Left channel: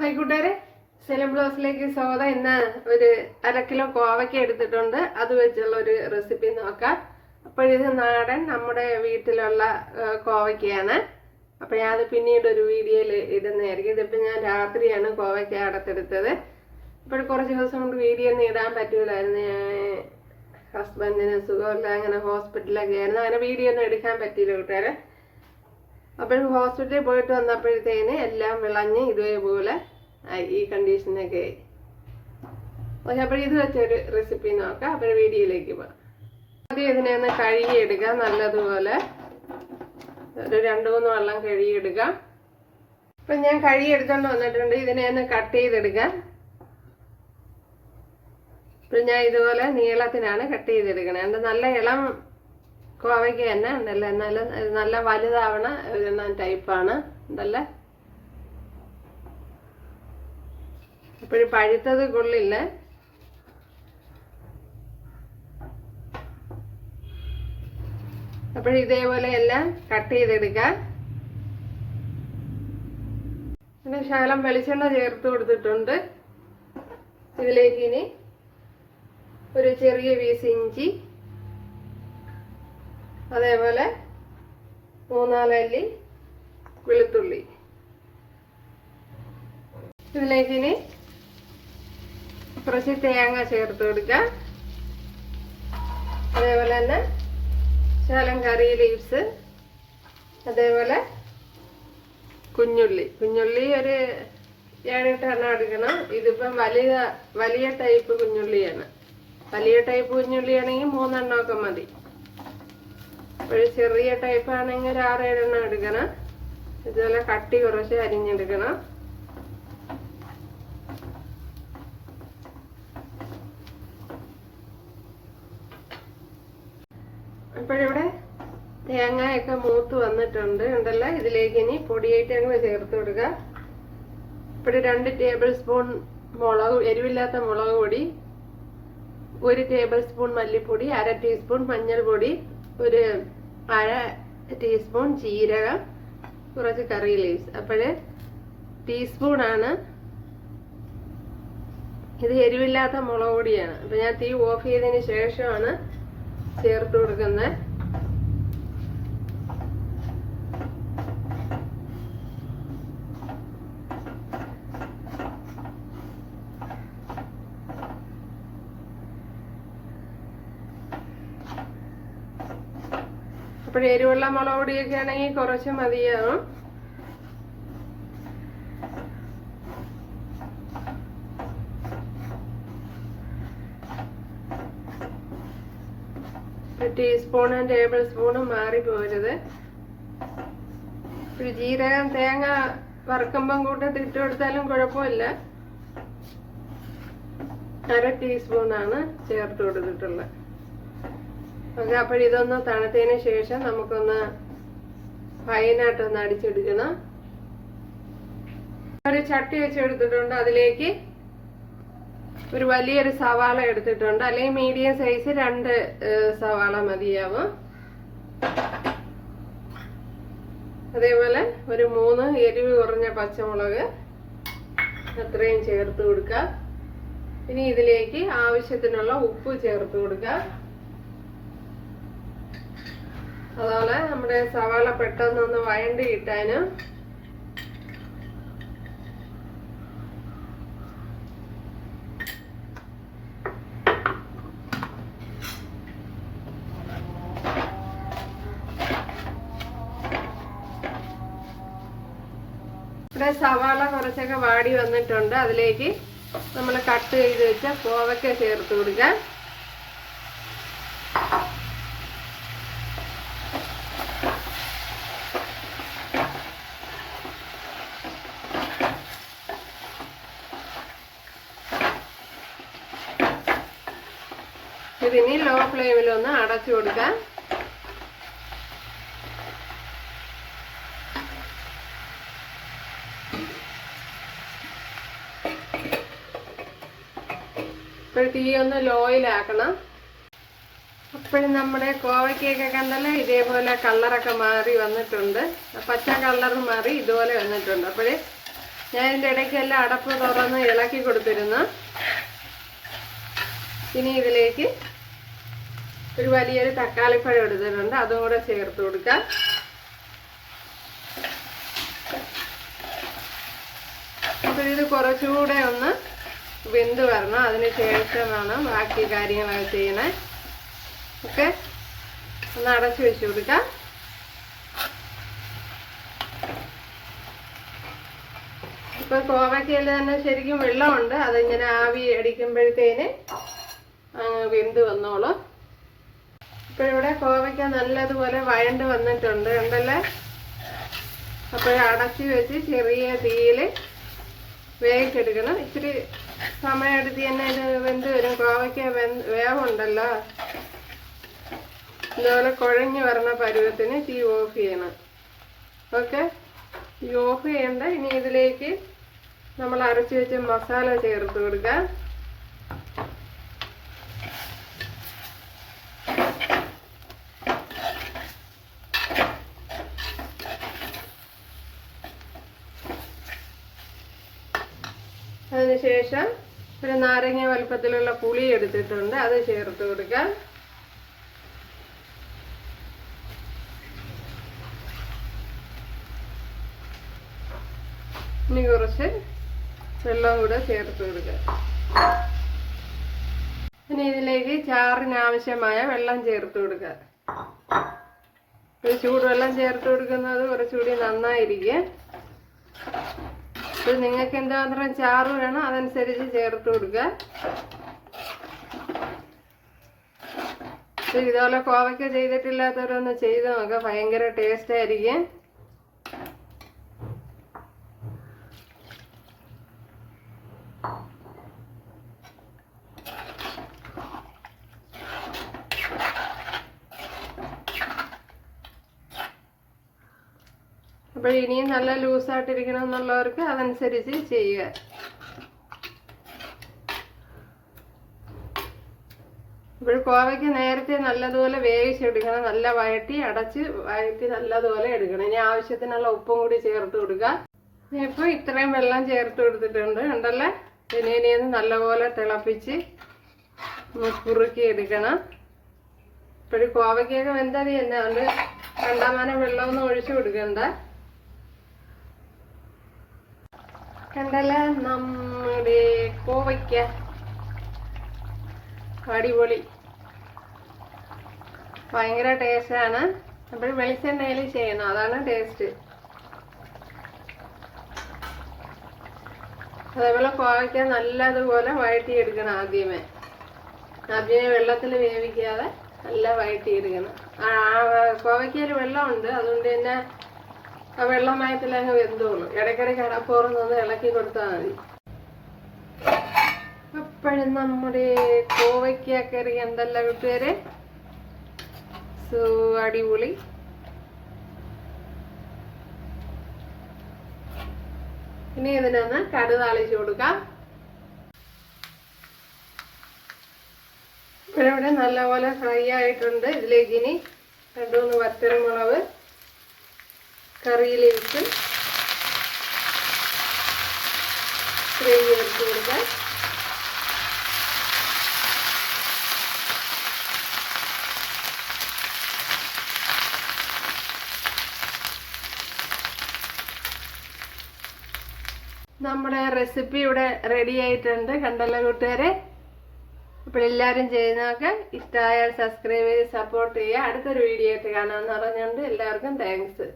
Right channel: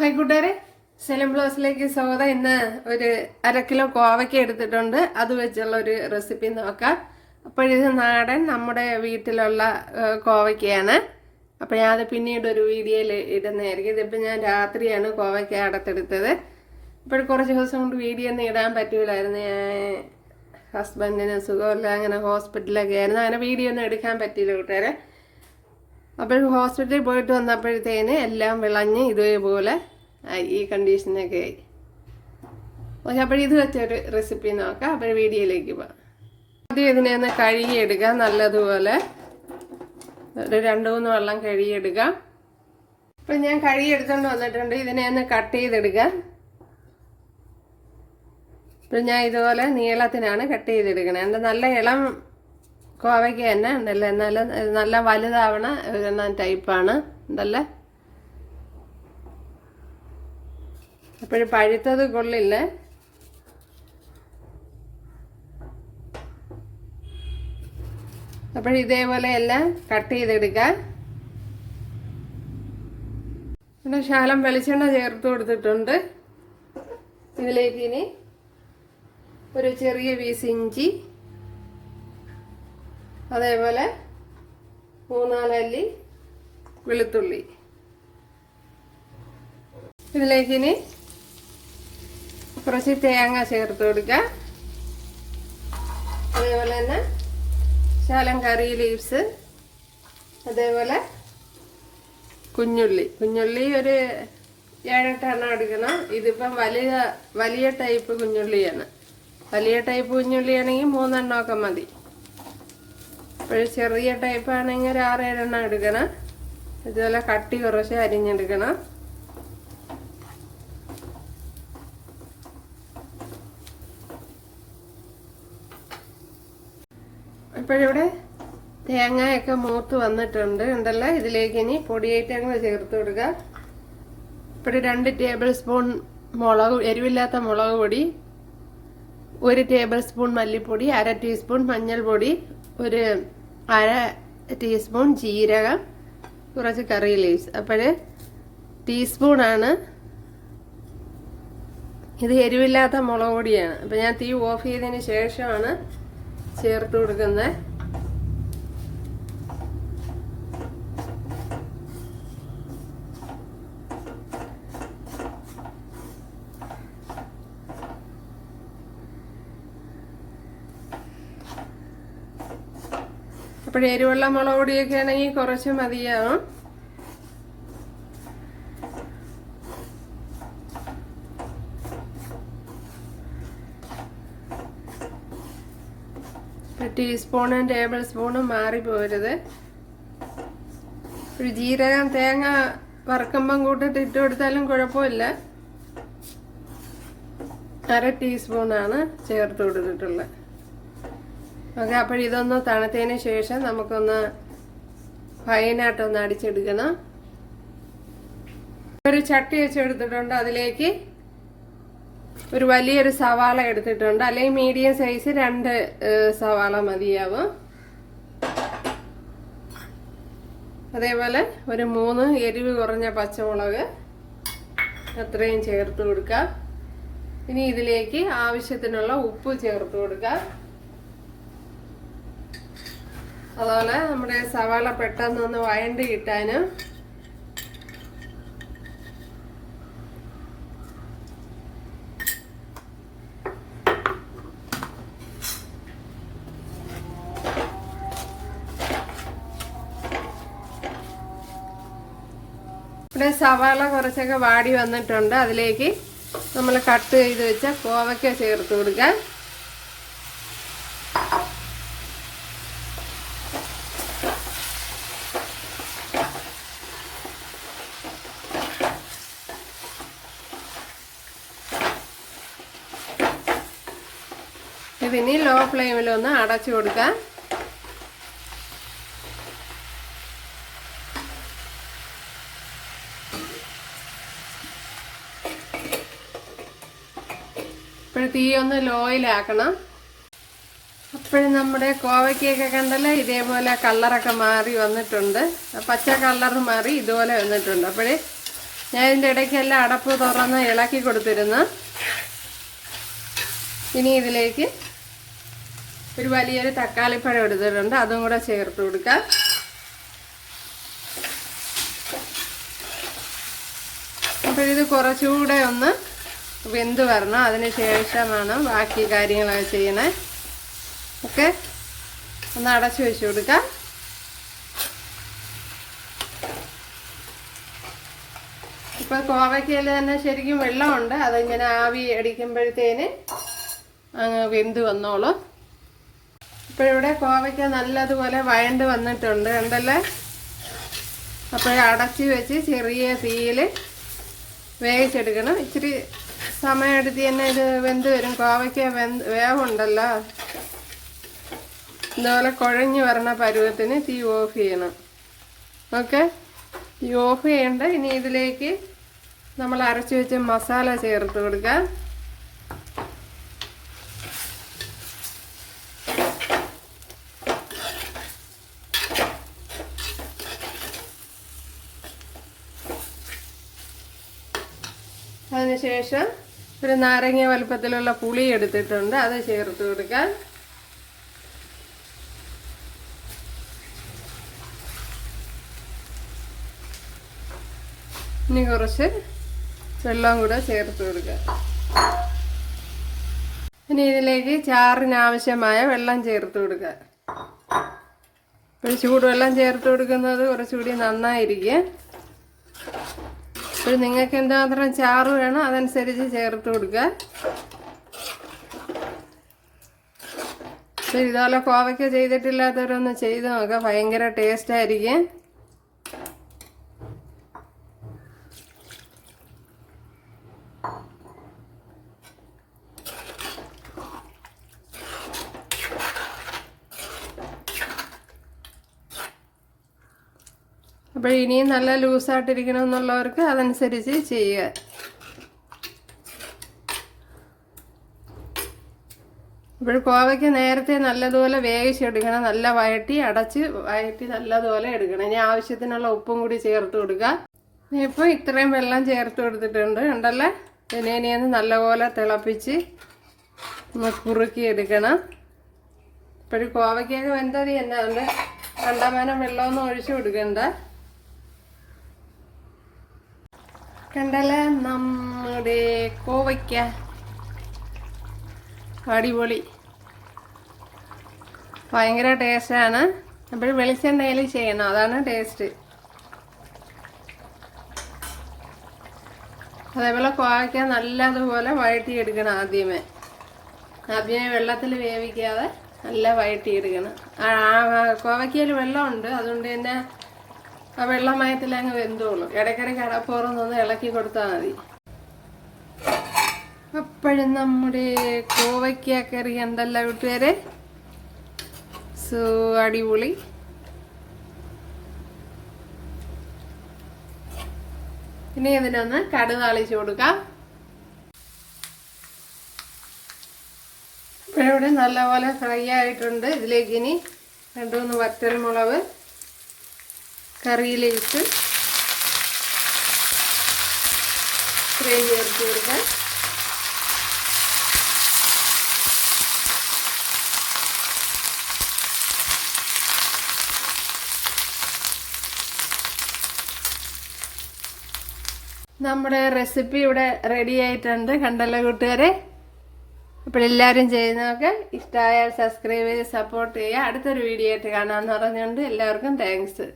Hi കൂട്ടുകാരെ. സെലം ബ്ലോസിലേക്ക് സ്വാഗതം. ഇന്ന് ഒരു അര കിലോ കോവയ്ക്ക എടുത്തിട്ടുണ്ട്. അത് വെച്ചുള്ള ഒരു റെസിപ്പി നോക്കാം. അപ്പോഴിത് നാടൻ നമ്മുടെ വീട്ടിലുള്ള കോവയ്ക്കയാണ്. അപ്പോൾ ഞാനത് പിന്നീട് ഒരു വീഡിയോയിൽ ഇടുന്നതായിരിക്കും. ഇതിപ്പോൾ ഞാൻ രാത്രിയാണ് കോവയ്ക്ക അടത്തെടുത്തത് ഇപ്പോൾ കുറച്ച് ദിവസം കൊണ്ട് വീഡിയോ ഒന്നും ഇടാൻ പറ്റൂലായിരുന്നു. ഞാൻ ഹസ്ബൻഡിന് സുഖമില്ല അങ്ങനെ ഹോസ്പിറ്റലൊക്കെ ആയിരുന്നു. അങ്ങനെ വീഡിയോ ഒന്നും എടുക്കാൻ പറ്റിയില്ല കൂട്ടുകാരെ. അപ്പോൾ ഹോസ്പിറ്റലിൽ പോയിട്ട് വന്നപ്പോഴത്തേന് എല്ലാം വിളഞ്ഞ് ഇതേപോലെ ഈ കണ്ടീഷനൊക്കെ ആയി. ഓക്കെ അപ്പോൾ ഇത് വെച്ചൊരു റെസിപ്പി നോക്കാം. അപ്പോൾ വീഡിയോയിലേക്ക് പോകാം. ആദ്യം ഇതിനെ ഒന്ന് കഴുകിയെടുക്കാം. നല്ലതുപോലെ ഒരു രണ്ട് മൂന്ന് വെള്ളം കഴുകിയെടുക്കാം. അപ്പം ഞാൻ കഴുകിയെടുക്കാൻ വന്നിട്ടുണ്ട്. ഇതിനെ ഒന്ന് കട്ട് ചെയ്തെടുക്കാം. അപ്പം ഞാൻ ഇതുപോലെ നീളത്തിനാണ് കട്ട് ചെയ്തെടുക്കണത് എന്റെ നല്ല ഇളം കോവയ്ക്ക് തന്നെ. ഉണ്ടല്ലോ എന്നാലും നല്ല വലുതാവണ ഒരു ടൈപ്പാണ്. ഉണ്ടല്ലേ അപ്പോഴും പഴുത്തത് കൊള്ളില്ല? അപ്പോൾ ഇതേപോലെ എല്ലാം കട്ട് ചെയ്തെടുക്കാം. പിന്നെ ശാലം വെളിച്ചെണ്ണ ചേർത്ത് കൊടുത്തിട്ടുണ്ട്. ഇതിലേക്ക് ഇനി ഒരു ചെറിയ പീസ് ഇഞ്ചി അതേപോലെ മൂന്നാലല്ലി വെളുത്തുള്ളി. ഇതിലേക്ക് ഇനി കുറച്ച് തേങ്ങ ചേർത്ത് കൊടുക്കാം. അതേപോലെ തന്നെ ശാലം കറി ലീവ്സ്. അതേപോലെ കുഞ്ഞുള്ളി. കുഞ്ഞുള്ളി ഒരു ഏഴെട്ടെണ്ണം എടുക്കണം. ഇതിപ്പം വലിയ വലിയ ടൈപ്പ് കുഞ്ഞുള്ളിയാണ്. വലിയ ടൈപ്പ് കുഞ്ഞുള്ളിയാണെങ്കിൽ മൂന്നെണ്ണമൊക്കെ മതി. ഒരു ചെറിയ ടൈപ്പ് ആണെങ്കിൽ ഒരു ആറേഴെണ്ണം എടുക്കണം. ഇതുപോലെ കട്ടി കുറച്ച് അരിഞ്ഞെടുക്കണം. ഇപ്പോഴിവിടെ തേങ്ങയൊക്കെ മൂത്ത് വന്നിട്ടുണ്ട്. ഉണ്ടല്ലോ ഇതിലേക്ക് ഇനി പൊടിയേറ്റങ്ങൾ ചേർത്ത് കൊടുക്കുക. ഇപ്പോൾ രണ്ട് ടേബിൾ സ്പൂൺ മുളക് എരിവില്ലാത്ത മുളക് പൊടി ഒരു ടേബിൾ സ്പൂൺ മല്ലിപ്പൊടി അര ടീസ്പൂൺ മഞ്ഞൾപ്പൊടി ഒരു അര ടീസ്പൂൺ ജീരകം കുറച്ച് കറി ലീവ്സ് അപ്പോൾ ടീസ്പൂണാണ് ഇത് എരിവില്ലാത്ത മുളക് പൊടിയാണ്. അപ്പം ഞാൻ തീ ഓഫ് ചെയ്തതിന് ശേഷമാണ് ചേർത്ത് കൊടുക്കുന്നത്. അപ്പോൾ എരിവുള്ള മുളക് പൊടിയൊക്കെ ആണെങ്കിൽ കുറച്ച് മതിയാവും. ടീസ്പൂണും ടേബിൾ സ്പൂണും മാറിപ്പോരുത്. ഒരു ജീരകം തേങ്ങ വറക്കുമ്പം കൂട്ടിട്ട് ഇട്ട് കൊടുത്താലും കുഴപ്പമില്ല. അര ടീസ്പൂണാണ് ചേർത്ത് കൊടുത്തിട്ടുള്ളത്. ഓക്കെ അപ്പോൾ ഇതൊന്ന് തണുത്തതിന് ശേഷം നമുക്കൊന്ന് ഫൈനായിട്ടൊന്ന് അടിച്ചെടുക്കണം. ഒരു ചട്ടി വെച്ചെടുത്തിട്ടുണ്ട്. അതിലേക്ക് ഒരു വലിയൊരു സവാള എടുത്തിട്ടുണ്ട്. അല്ലെങ്കിൽ മീഡിയം സൈസ് രണ്ട് സവാള മതിയാവും. അതേപോലെ ഒരു മൂന്ന് എരിവ് കുറഞ്ഞ പച്ചമുളക് അത്രയും ചേർത്ത് കൊടുക്കാം. ഇനി ഇതിലേക്ക് ആവശ്യത്തിനുള്ള ഉപ്പ് ചേർത്ത് കൊടുക്കാം. അതുപോലെ നമ്മുടെ സവാള പെട്ടെന്നൊന്ന് വഴണ്ടി കിട്ടാനും ഇവിടെ സവാള കുറച്ചൊക്കെ വാടി വന്നിട്ടുണ്ട്. അതിലേക്ക് നമ്മൾ കട്ട് ചെയ്ത് വെച്ച കോവയ്ക്ക ചേർത്ത് കൊടുക്കാം. ഇതിനി ലോ ഫ്ലെയിമിലൊന്ന് അടച്ചു കൊടുക്കാം. തീ ഒന്ന് ലോയിലാക്കണം അപ്പോഴും നമ്മുടെ കോവയ്ക്കൊക്കെ കണ്ടല്ലോ ഇതേപോലെ കളറൊക്കെ മാറി വന്നിട്ടുണ്ട്. പച്ച കളർ മാറി ഇതുപോലെ വന്നിട്ടുണ്ട്. അപ്പോഴേ ഞാൻ ഇതിന്റെ ഇടയ്ക്കെല്ലാം അടപ്പ് തുറന്ന് ഇളക്കി കൊടുത്തിരുന്നു. ഇനി ഇതിലേക്ക് ഒരു വലിയൊരു തക്കാളിപ്പഴം എടുത്തിട്ടുണ്ട്. അതും കൂടെ ചേർത്ത് കൊടുക്കാം. അപ്പോൾ ഇത് കുറച്ചുകൂടെ ഒന്ന് വെന്ത് വരണം. അതിന് ശേഷമാണ് ബാക്കി കാര്യങ്ങളൊക്കെ ചെയ്യണേ. ഓക്കെ ഒന്ന് അടച്ചു വെച്ച് കൊടുക്കാം. ഇപ്പൊ കോവയ്ക്കയിൽ തന്നെ ശരിക്കും വെള്ളമുണ്ട്. അതിങ്ങനെ ആവി അടിക്കുമ്പോഴത്തേന് അങ്ങ് വെന്ത് വന്നോളും. ഇപ്പൊ ഇവിടെ കോവയ്ക്ക നല്ലതുപോലെ വയണ്ട് വന്നിട്ടുണ്ട് ഉണ്ടല്ലേ അപ്പോൾ അടച്ചു വെച്ച് ചെറിയ തീയിൽ വേവിച്ചെടുക്കണം. ഇച്ചിരി സമയമെടുത്തി തന്നെ ഇത് വെന്ത് വരും. കോവയ്ക്ക വെന്ത് വേവുണ്ടല്ലോ. ഇതുപോലെ കുഴഞ്ഞു വരണ പരുവത്തിന് തീ ഓഫ് ചെയ്യണം. ഓക്കെ? തീ ഓഫ് ചെയ്യണ്ട. ഇനി ഇതിലേക്ക് നമ്മൾ അരച്ചു വെച്ച മസാല ചേർത്ത് കൊടുക്കാം. അതിനുശേഷം ഒരു നാരങ്ങ വലുപ്പത്തിലുള്ള പുളി എടുത്തിട്ടുണ്ട്. അത് ചേർത്ത് കൊടുക്കാം. ഇനി കുറച്ച് വെള്ളം കൂടെ ചേർത്ത് കൊടുക്കുക ഇനി ഇതിലേക്ക് ചാറിനാവശ്യമായ വെള്ളം ചേർത്ത് കൊടുക്കുക ഒരു ചൂടുവെള്ളം ചേർത്ത് കൊടുക്കുന്നത് കുറച്ചുകൂടി നന്നായിരിക്കും. അപ്പോൾ നിങ്ങൾക്ക് എന്തുമാത്രം ചാറ് വേണം അതനുസരിച്ച് ചേർത്ത് കൊടുക്കുക. അപ്പോൾ ഇതുപോലെ കോവയ്ക്ക ചെയ്തിട്ടില്ലാത്തവരൊന്ന് ചെയ്ത് നോക്കുക ഭയങ്കര ടേസ്റ്റ് ആയിരിക്കും. അപ്പോൾ ഇനിയും നല്ല ലൂസായിട്ടിരിക്കണം എന്നുള്ളവർക്ക് അതനുസരിച്ച് ചെയ്യുക. ഇപ്പോൾ കോവയ്ക്ക് നേരത്തെ നല്ലതുപോലെ വേവിച്ചെടുക്കണം നല്ല വഴറ്റി അടച്ച് വഴറ്റി നല്ലതുപോലെ എടുക്കണം. ഇനി ആവശ്യത്തിനുള്ള ഉപ്പും കൂടി ചേർത്ത് കൊടുക്കുക. ഇപ്പോൾ ഇത്രയും വെള്ളം ചേർത്ത് കൊടുത്തിട്ടുണ്ട് ഉണ്ടല്ലേ ഇനി ഇനിയൊന്ന് നല്ലപോലെ തിളപ്പിച്ച് കുറുക്കി എടുക്കണം. ഇപ്പോഴും കോവയ്ക്കൊക്കെ വെന്തരി തന്നെ അതുകൊണ്ട് കണ്ടമാനം വെള്ളമൊന്നും ഒഴിച്ചു കൊടുക്കണ്ട. കണ്ടല്ലേ? നമ്മുടെ കോവയ്ക്ക. അടിപൊളി. ഭയങ്കര ടേസ്റ്റാണ്. അപ്പോൾ വെളിച്ചെണ്ണയിൽ ചെയ്യണം. അതാണ് ടേസ്റ്റ്. അതേപോലെ കോവയ്ക്ക നല്ലതുപോലെ വഴറ്റിയെടുക്കണം ആദ്യമേ. ആദ്യമേ വെള്ളത്തിൽ വേവിക്കാതെ നല്ല വഴറ്റിയെടുക്കണം. കോവയ്ക്കയിൽ വെള്ളമുണ്ട്. അതുകൊണ്ട് തന്നെ ആ വെള്ളമയത്തിൽ അങ്ങ് വെന്തോളൂ. ഇടയ്ക്കിടയ്ക്ക് അടപ്പുറന്നൊന്ന് ഇളക്കി കൊടുത്താൽ മതി. അപ്പോഴും നമ്മുടെ കോവയ്ക്ക കറി എന്തല്ല വീട്ടുകാരെ? സോ അടിപൊളി. ഇനി ഇതിനൊന്ന് കടുക് താളിച്ചു കൊടുക്കാം. ഇവിടെ നല്ലപോലെ ഫ്രൈ ആയിട്ടുണ്ട്. ഇതിലേക്ക് ഇനി രണ്ടു മൂന്ന് വറ്റൽമുളക് കറിയിലേക്ക് ഇത്രയും ചേർത്ത് നമ്മുടെ റെസിപ്പി ഇവിടെ റെഡി ആയിട്ടുണ്ട്. കണ്ടല്ലോ കൂട്ടുകാരെ? അപ്പോൾ എല്ലാവരും ചെയ്യുന്നതൊക്കെ ഇഷ്ടമായാൽ സബ്സ്ക്രൈബ് ചെയ്ത് സപ്പോർട്ട് ചെയ്യുക. അടുത്തൊരു വീഡിയോ ആയിട്ട് കാണാമെന്ന് പറഞ്ഞുകൊണ്ട് എല്ലാവർക്കും താങ്ക്സ്